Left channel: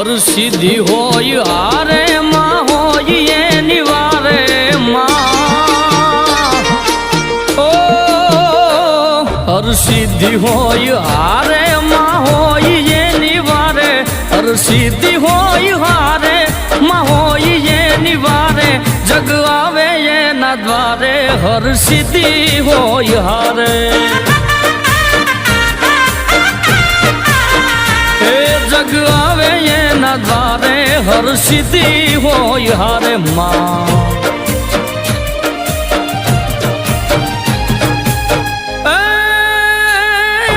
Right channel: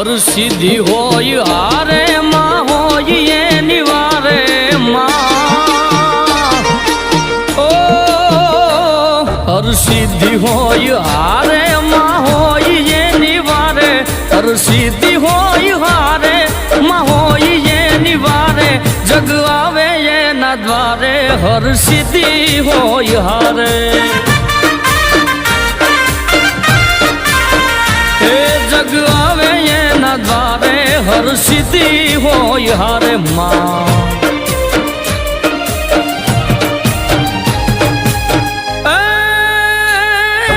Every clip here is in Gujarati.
હર સિદ્ધિ હોય હારે માં હોય એની વારે માં ઓ હર સિદ્ધિ હોય હારે માં હોય એની વારે હર સિદ્ધિ હોય હારે માં હોય એની વારે જગ આવે એના દ્વારે હર સિદ્ધિ હોય હારે એ જગ આવે એના દ્વારે હર સિદ્ધિ હોય હારે માં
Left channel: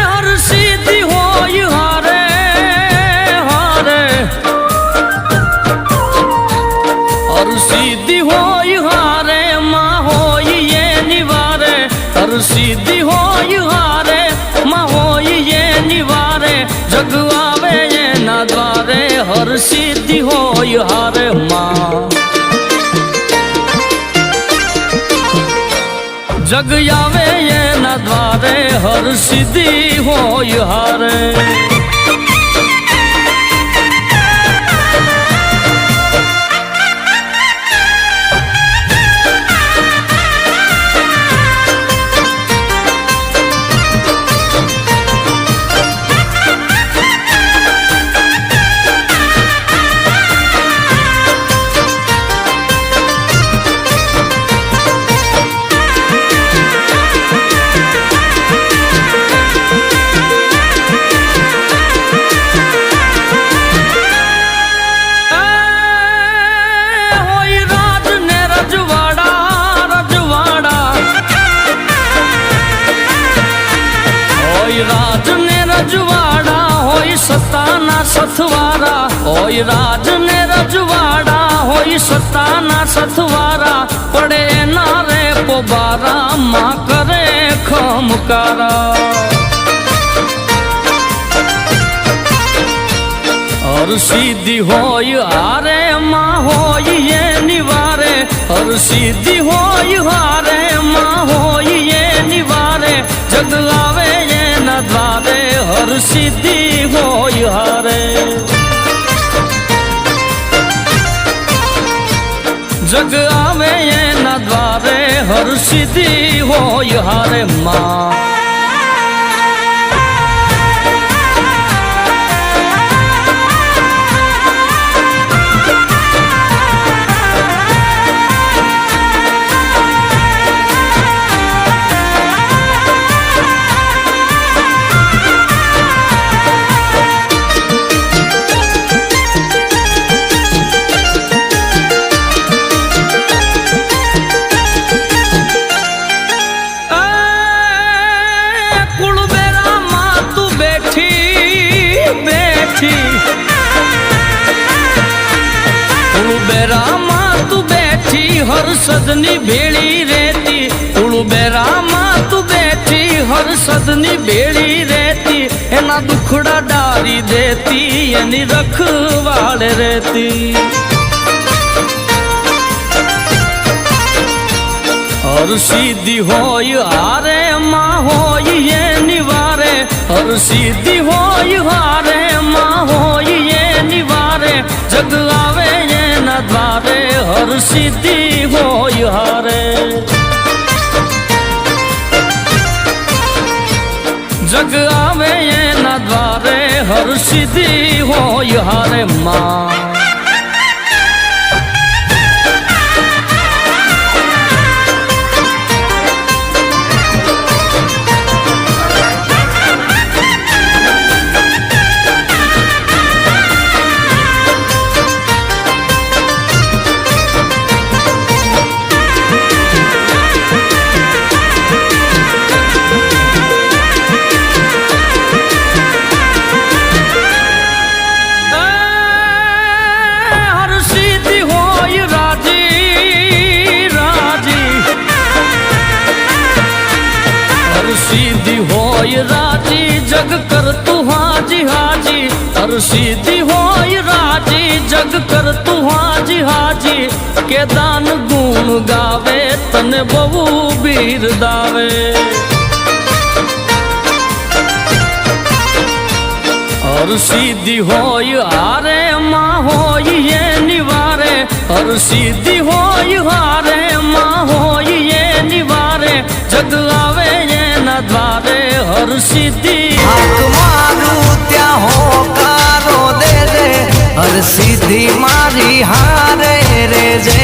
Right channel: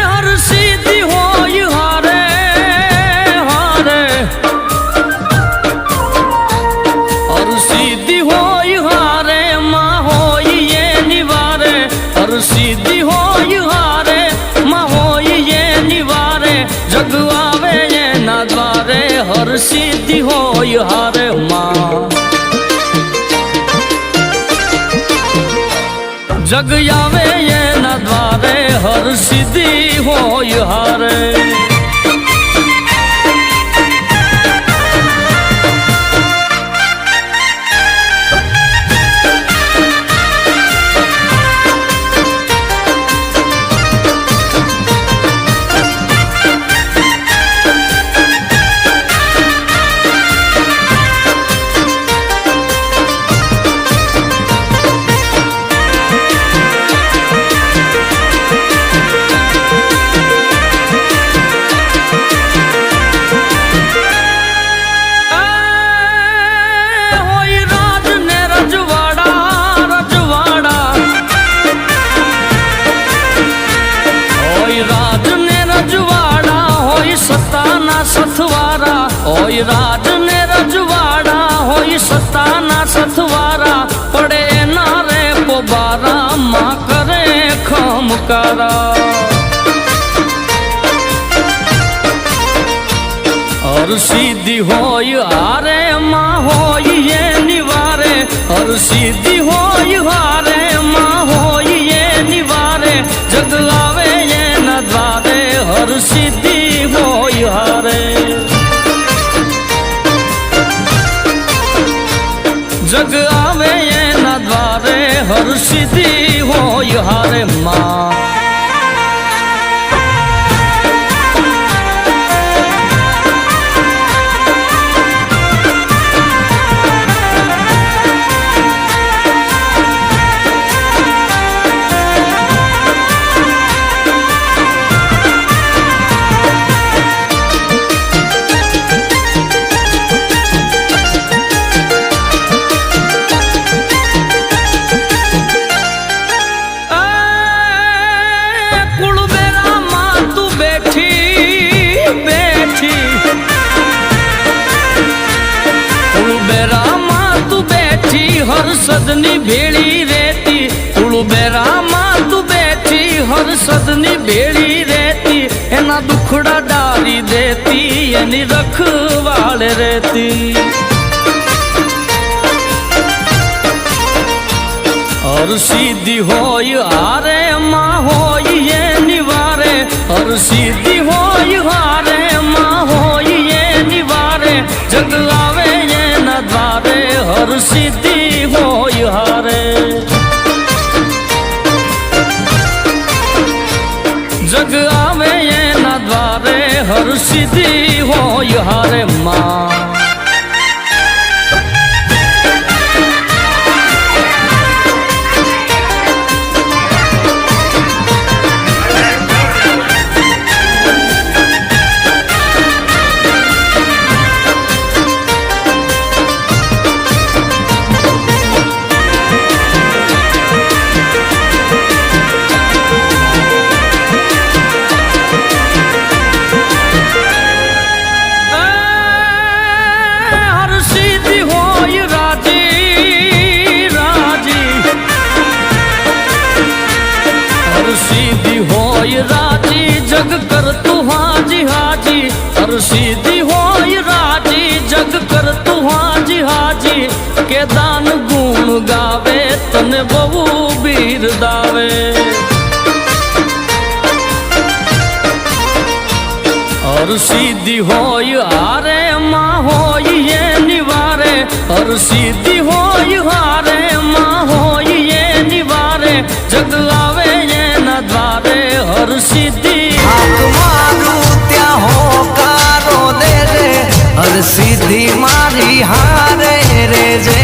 હર સિદ્ધિ હોય હારે હારે હર સિદ્ધિ હોય હારે માં હોય એની વારે હર સિદ્ધિ હોય હારે માં હોય એની વારે જગ આવે એના દ્વારે હર સિદ્ધિ હોય હારે માં જગ આવે એના દ્વારે હર સિદ્ધિ હોય હારે રાજ ને રજવાડા હોય સત્તાના સથવારા હોય રાજ ને રજવાડા હોય સત્તાના સથવારા પડે એના રે પોબારા માં કરે ખમકારા હર સિદ્ધિ હોય હારે માં હોય એની વારે હર સિદ્ધિ હોય હારે માં હોય એની વારે જગ આવે એના દ્વારે હર સિદ્ધિ હોય હારે જગ આવે એના દ્વારે હર સિદ્ધિ હોય હારે માં કુળબેરામાં તું બેઠી હરસદની ભેળી રેતી કુળબેરામાં તું બેઠી હરસદની ભેળી રેતી એના દુખડા ડારી દેતી એની રખવાળ રેતી હર સિદ્ધિ હોય હારે માં હોય એની વારે હર સિદ્ધિ હોય હારે માં હોય એની વારે જગ આવે એના દ્વારે હર સિદ્ધિ હોય હારે જગ આવે એના દ્વારે હર સિદ્ધિ હોય હારે માં हर सिद्धि होय राजी जग कर तू हाजी हाजी हर सिद्धि होय राजी जग कर तू हाजी हाजी के दान गुण गावे तने बहु बिरदावे હર સિદ્ધિ હોય હારે માં હોય એ નિવારે હર સિદ્ધિ હોય હારે માં હોય એ નિવારે જગ આવે એના દ્વારે હર સિદ્ધિ હાક મારું ત્યાં હોકારો દે રે હર સિદ્ધિ મારી હારે રે જે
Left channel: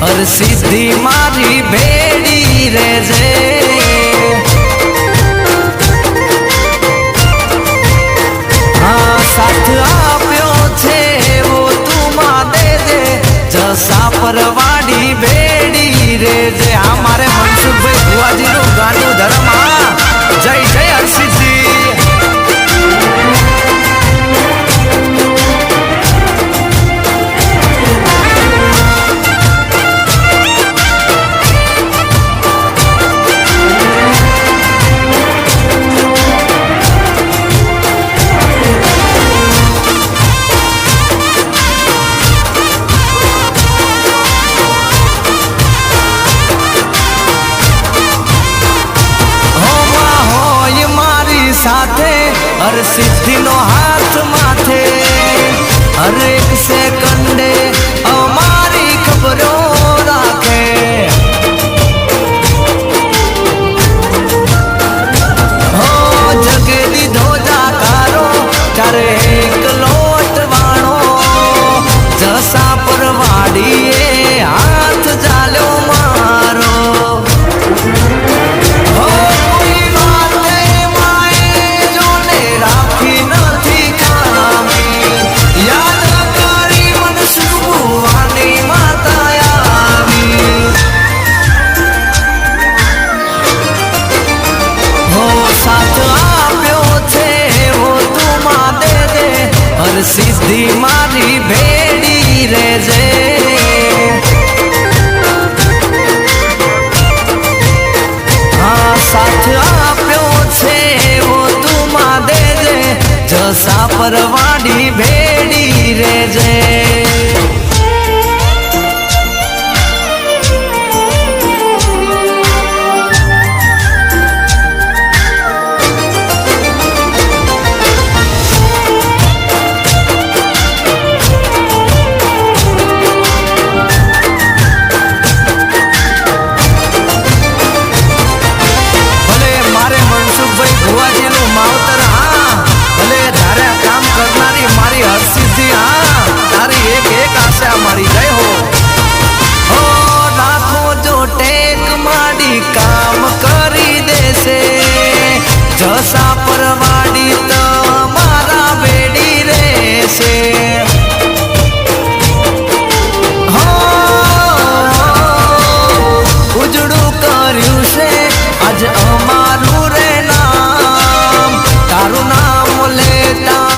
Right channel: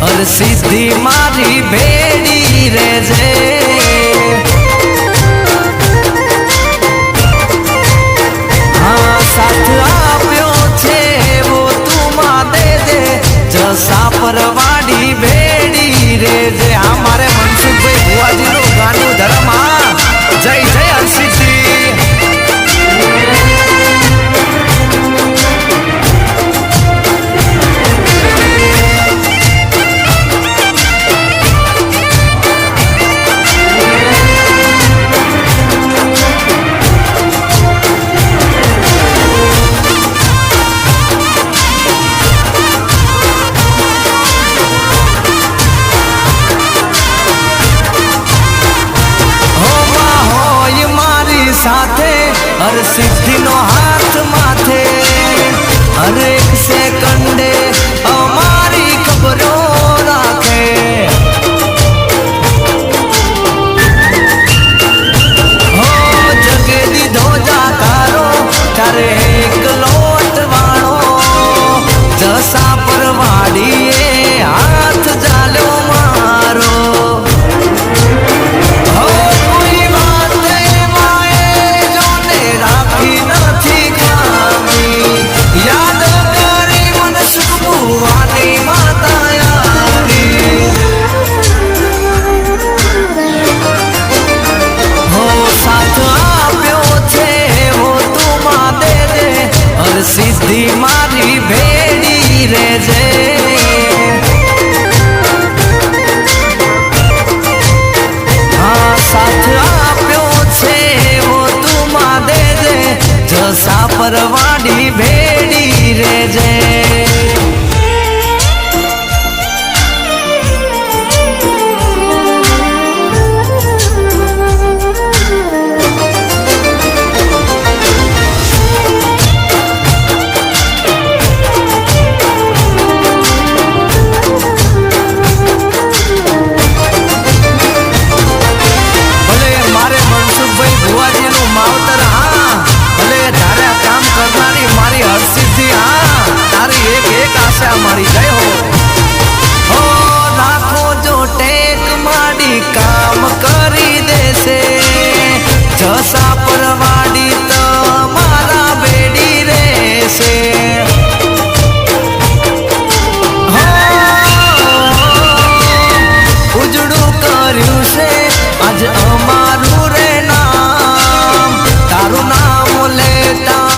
હર સિદ્ધિ મારી ભેડી રે જે હા સાથ આપ્યો છે એવો તું માં દે દે જસા પરવાડી ભેડી રે જે આ મારે મનસુખભાઈ ભુવાજી નું ગાનું ધર્મ હા જય જય હર સિદ્ધિ સાથે હર સિદ્ધિ નો હાથ માથે હર એક સેકન્ડે અમારી ખબરો રાખે હો જગે દીધો જાકારો ત્યારે એક લોટ વાણો જસા પરવાડીએ હાથ જાલ્યો મારો હર સિદ્ધિ મારી ભેડી રે જે હા સાથ આપ્યો છે એવો તું માં દે જે જસા પરવાડી ભેડી રે જે ભુવાજી નું માવતર હા ભલે ધારે કામ કરનારી મારી હર સિદ્ધિ હા તારી એક એક આશા મારી જય હો રાખો જો ટેક માડી કામ કરી દેશે જસા પરવાડી તો મારા બેડી રહેશે હો ઉજળું કર્યું છે આજ